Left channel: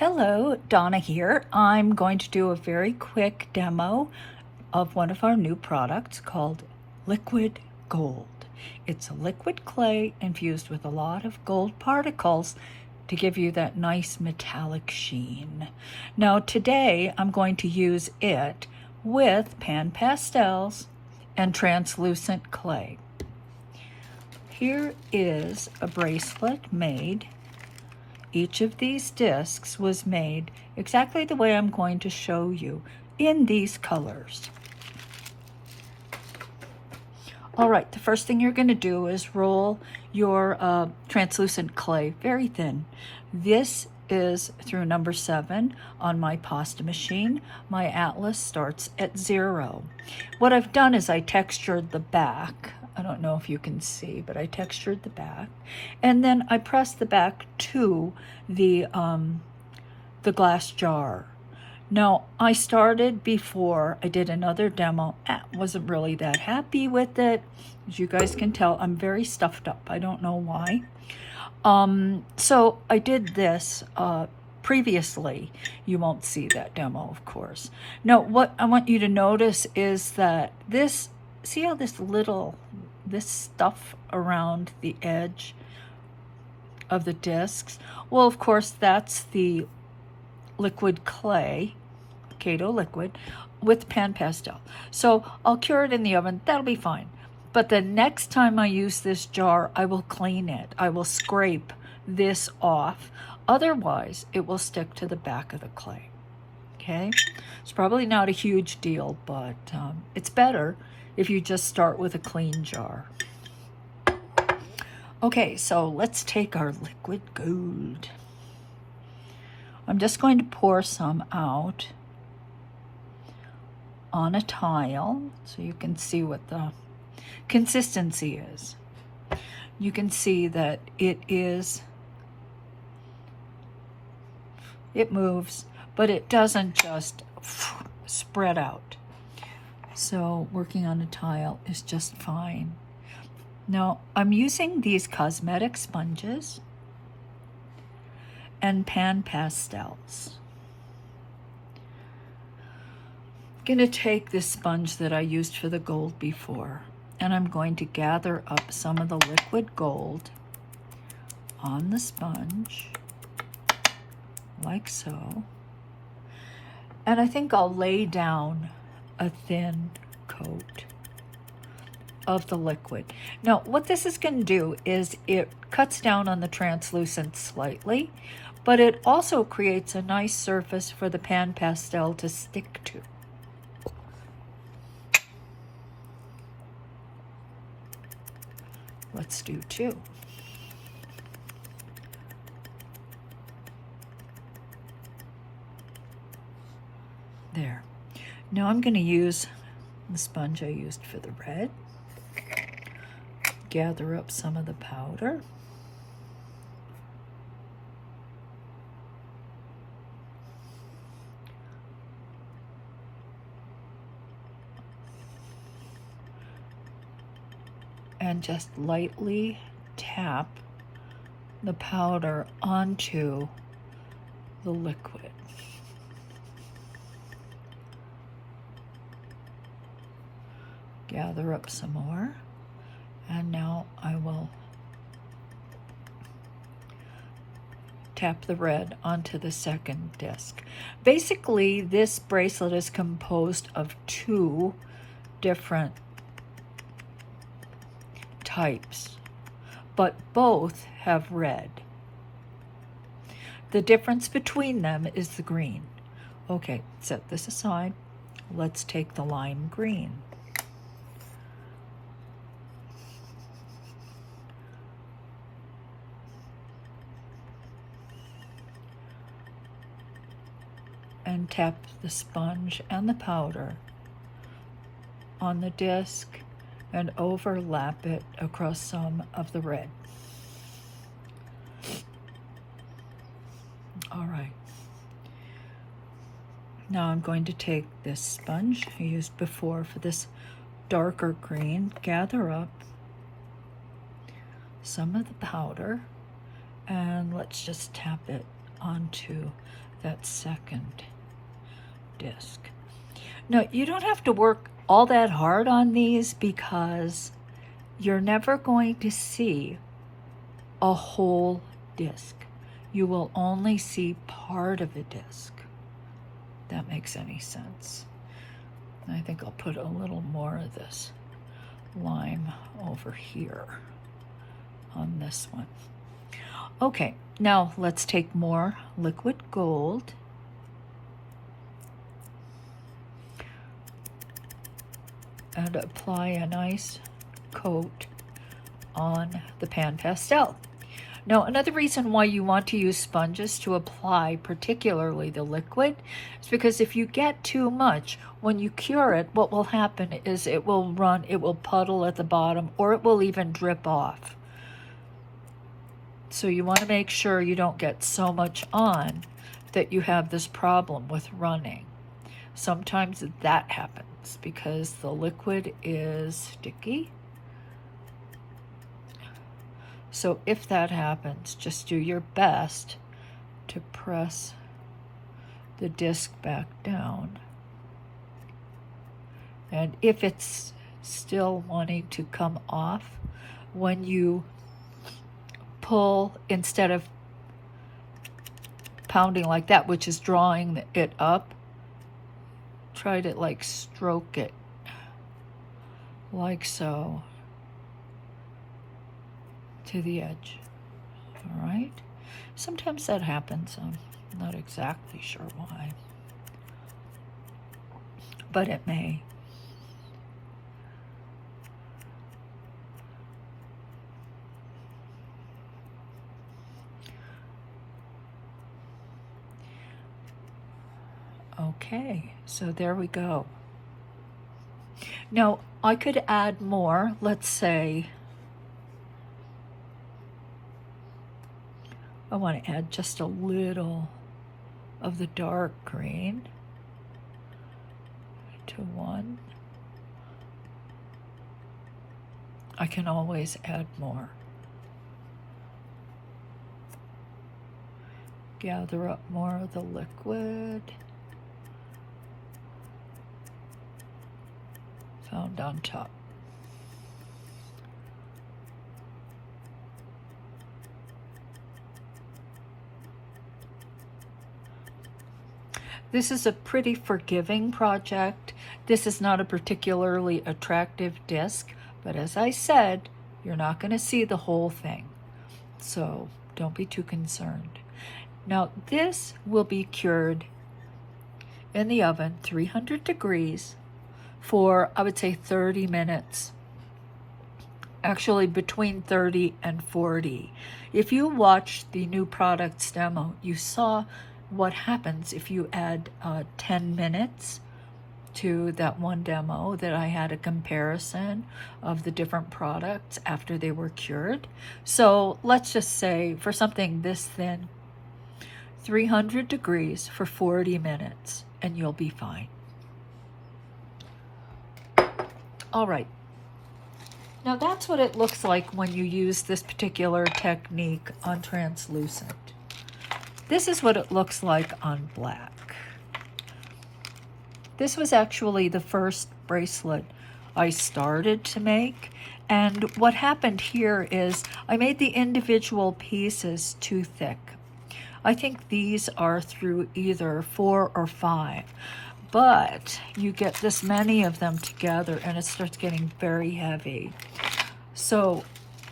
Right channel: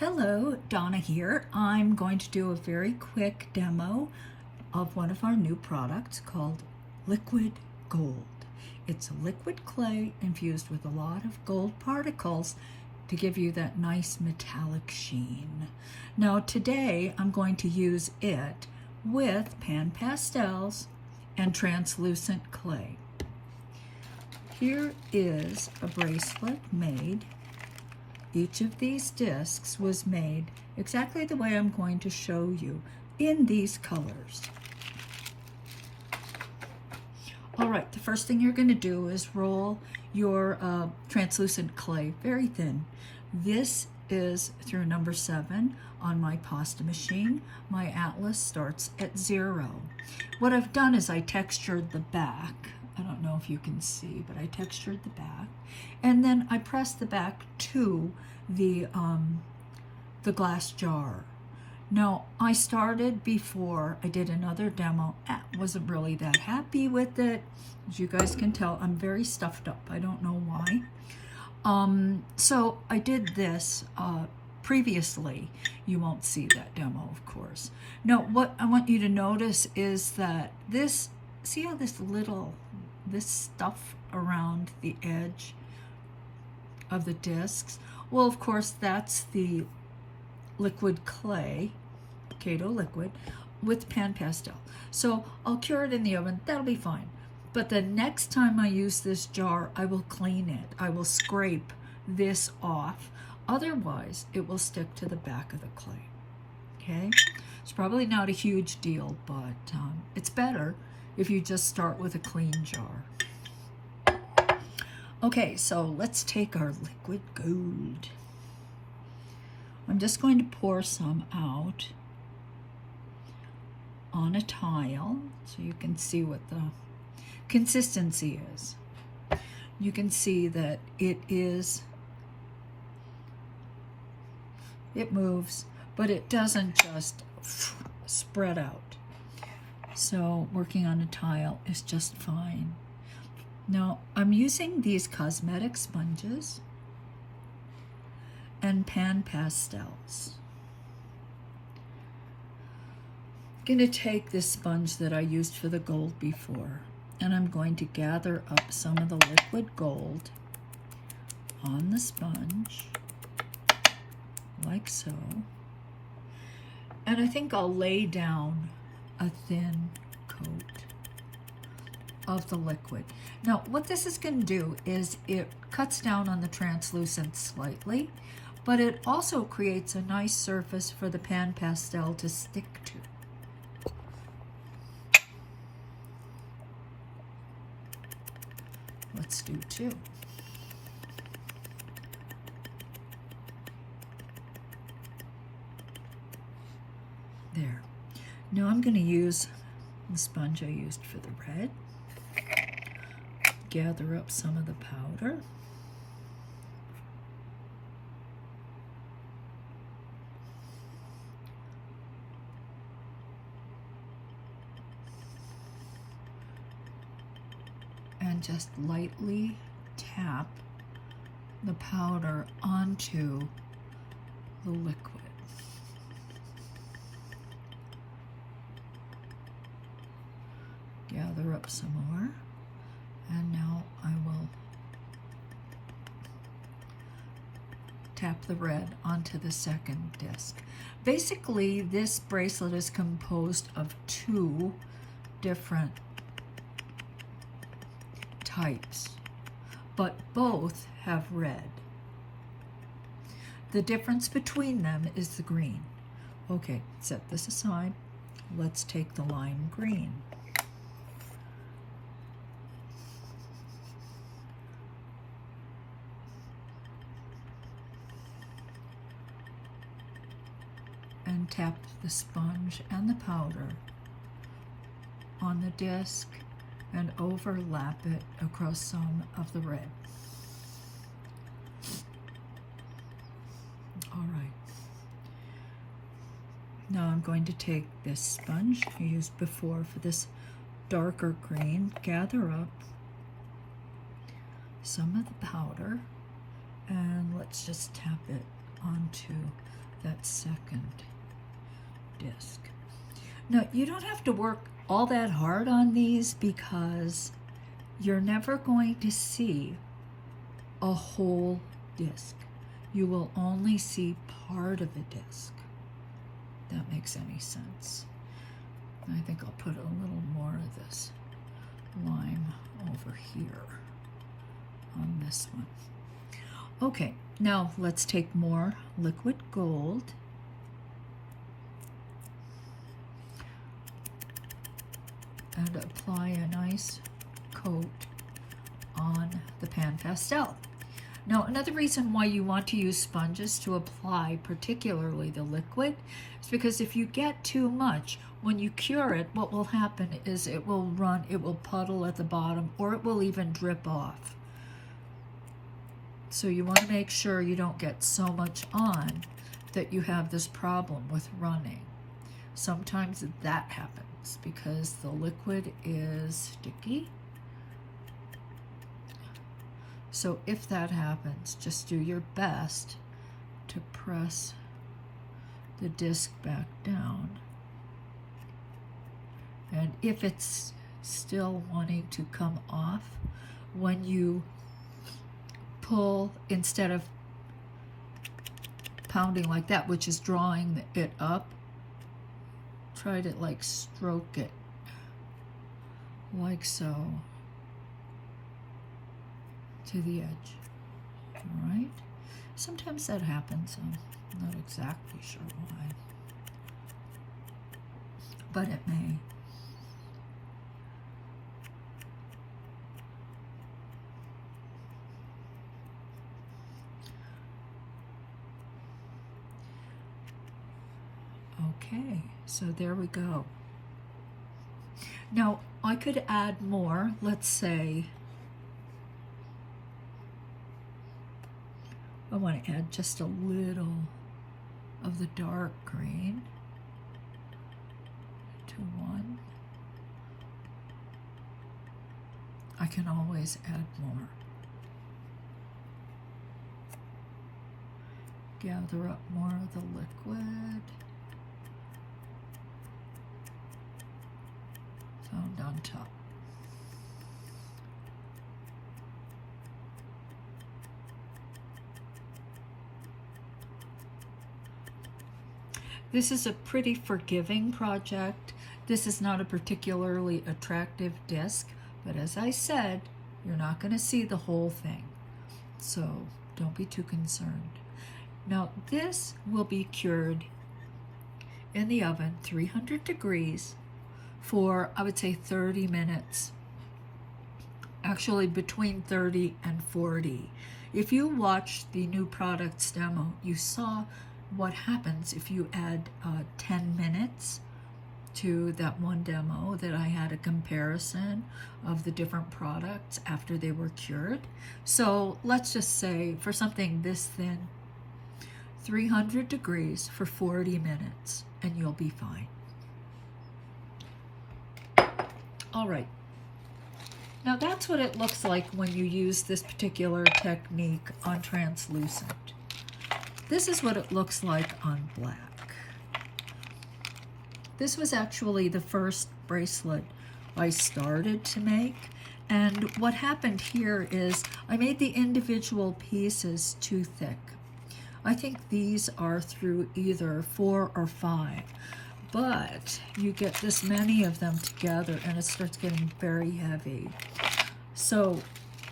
Hello, Donna here. I'm going to do a very quick demo of one of our new products called Liquid Gold. It's a liquid clay infused with a lot of gold particles to give you that nice metallic sheen. Now today I'm going to use it with pan pastels and translucent clay. Here is a bracelet made. Each of these discs was made exactly the way I'm going to show you in these colors. All right, the first thing you're going to do is roll your translucent clay very thin. This is through number 7 on my pasta machine. My atlas starts at 0. What I've done is I textured the back. I don't know if you can see, but I textured the back, and then I pressed the back to the glass jar. Now, I started before I did another demo. I wasn't really that happy with it. As you guys can tell, I'm very stuffed up. I don't know why. So I did this previously. You won't see that demo, of course. Now, what I want you to notice is that this, see how this stuff around the edge of the discs? Well, of course, that's the liquid clay, Kato Liquid, with pan pastel. So I'll cure it in the oven. That'll be fine. But the next time I use this jar, I will clean it. I will scrape this off. Otherwise, it will stick to the back of the clay. Okay? It's probably not a huge deal, but it's better if you just start with a clean jar. Okay, so let's take our liquid gold. I'm just going to pour some out on a tile so you can see what the consistency is. You can see that it moves, but it doesn't just spread out. So working on a tile is just fine. Now, I'm using these cosmetic sponges and pan pastels. I'm going to take this sponge that I used for the gold before, and I'm going to gather up some of the liquid gold on the sponge, like so. And I think I'll lay down a thin coat of the liquid. Now, what this is going to do is it cuts down on the translucent slightly, but it also creates a nice surface for the pan pastel to stick to. Let's do 2. There. Now I'm going to use the sponge I used for the red. Gather up some of the powder. And just lightly tap the powder onto the liquid. Gather up some more. And now I will tap the red onto the second disc. Basically, this bracelet is composed of 2 different types, but both have red. The difference between them is the green. Okay, set this aside. Let's take the lime green. And tap the sponge and the powder on the disc and overlap it across some of the red. All right. Now I'm going to take this sponge I used before for this darker green, gather up some of the powder, and let's just tap it onto that second disc. Now, you don't have to work all that hard on these because you're never going to see a whole disc. You will only see part of a disc. If that makes any sense. I think I'll put a little more of this lime over here on this one. Okay, now let's take more liquid gold. And apply a nice coat on the pan pastel. Now, another reason why you want to use sponges to apply particularly the liquid is because if you get too much, when you cure it, what will happen is it will puddle at the bottom, or it will even drip off. So you want to make sure you don't get so much on that you have this problem with running. Sometimes that happens because the liquid is sticky. So if that happens, just do your best to press the disc back down. And if it's still wanting to come off, when you pull, instead of pounding like that, which is drawing it up, try to like stroke it like so to the edge. All right, sometimes that happens. I'm not exactly sure why, but it may. Okay, so there we go. Now, I could add more. Let's say I want to add just a little of the dark green to one. I can always add more. Gather up more of the liquid. Found on top. This is a pretty forgiving project. This is not a particularly attractive disc, but as I said, you're not going to see the whole thing. So don't be too concerned. Now this will be cured in the oven, 300 degrees, for, I would say, 30 minutes. Actually, between 30 and 40. If you watched the new products demo, you saw what happens if you add 10 minutes to that one demo that I had a comparison of the different products after they were cured. So let's just say for something this thin, 300 degrees for 40 minutes, and you'll be fine. All right, now that's what it looks like when you use this particular technique on translucent. This is what it looks like on black. This was actually the first bracelet I started to make, and what happened here is I made the individual pieces too thick. I think these are through either 4 or 5. But you get this many of them together and it starts getting very heavy. So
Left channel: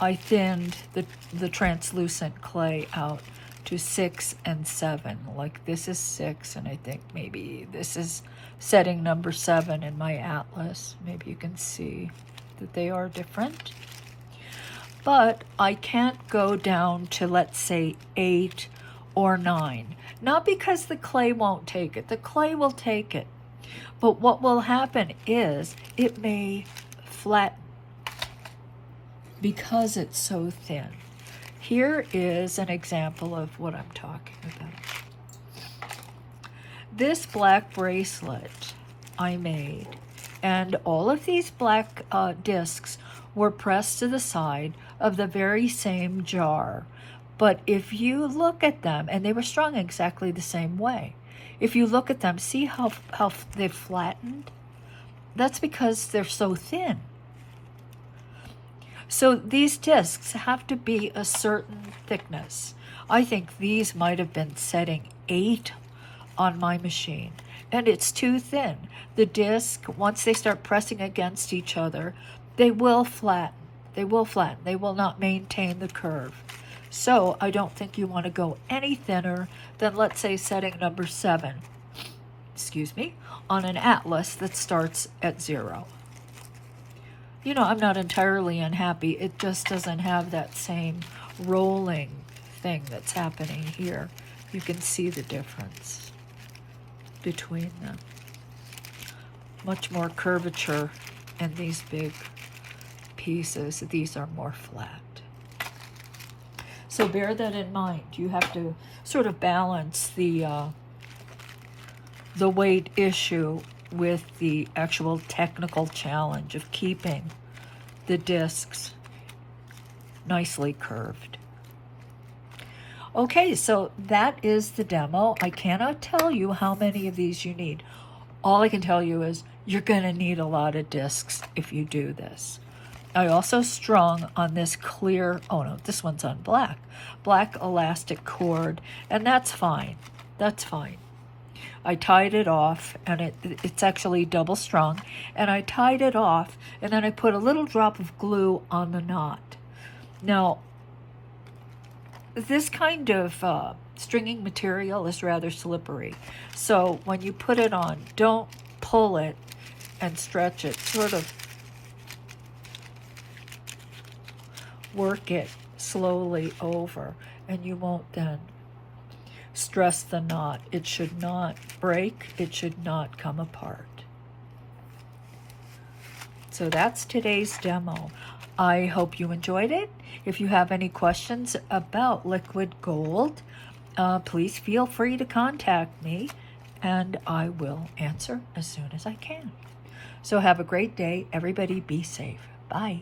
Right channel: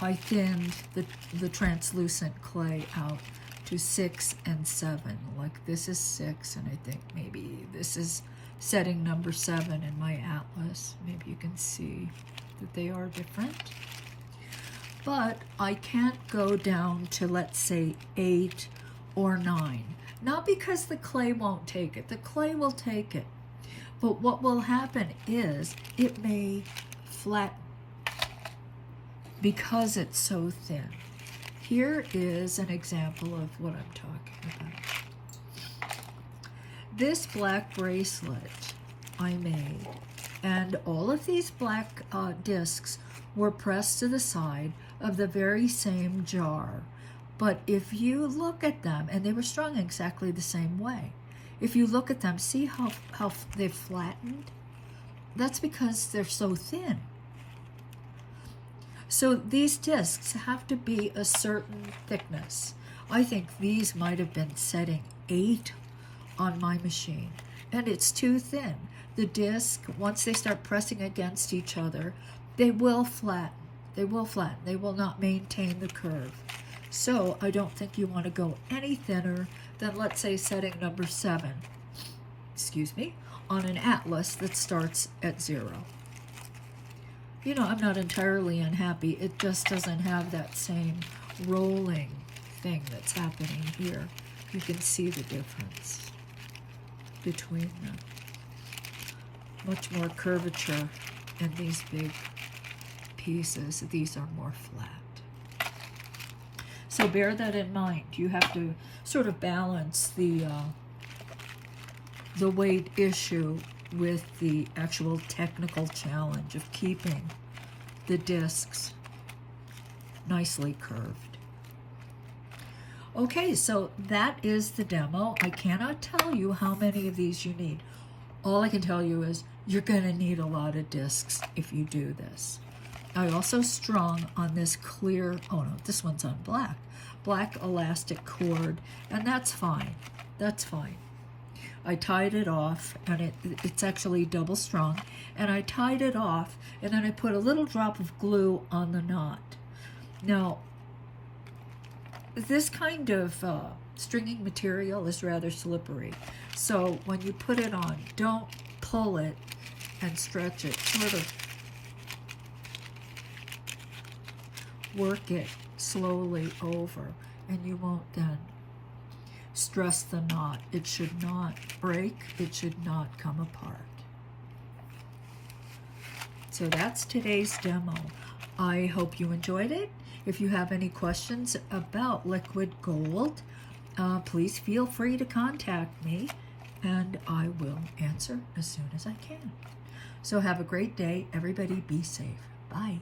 I thinned the translucent clay out to 6 and 7. Like this is 6, and I think maybe this is setting number 7 in my atlas. Maybe you can see that they are different. But I can't go down to, let's say, 8 or 9. Not because the clay won't take it. The clay will take it. But what will happen is it may flatten because it's so thin. Here is an example of what I'm talking about. This black bracelet I made, and all of these black discs were pressed to the side of the very same jar. But if you look at them, and they were strung exactly the same way, if you look at them, see how they've flattened? That's because they're so thin. So these discs have to be a certain thickness. I think these might have been setting 8 on my machine, and it's too thin. The disc, once they start pressing against each other, they will flatten. They will flatten. They will not maintain the curve. So I don't think you want to go any thinner than, let's say, setting number 7, excuse me, on an atlas that starts at 0. You know, I'm not entirely unhappy. It just doesn't have that same rolling thing that's happening here. You can see the difference between them. Much more curvature in these big pieces. These are more flat. So bear that in mind. You have to sort of balance the weight issue with the actual technical challenge of keeping the discs nicely curved. Okay, so that is the demo. I cannot tell you how many of these you need. All I can tell you is you're going to need a lot of discs if you do this. I also strung on this clear, oh no, this one's on black elastic cord, and that's fine. That's fine. I tied it off, and it's actually double strung, and I tied it off, and then I put a little drop of glue on the knot. Now, this kind of stringing material is rather slippery, so when you put it on, don't pull it and stretch it. Sort of work it slowly over, and you won't then stress the knot. It should not break. It should not come apart. So that's today's demo. I hope you enjoyed it. If you have any questions about liquid gold, please feel free to contact me, and I will answer as soon as I can. So have a great day. Everybody be safe. Bye.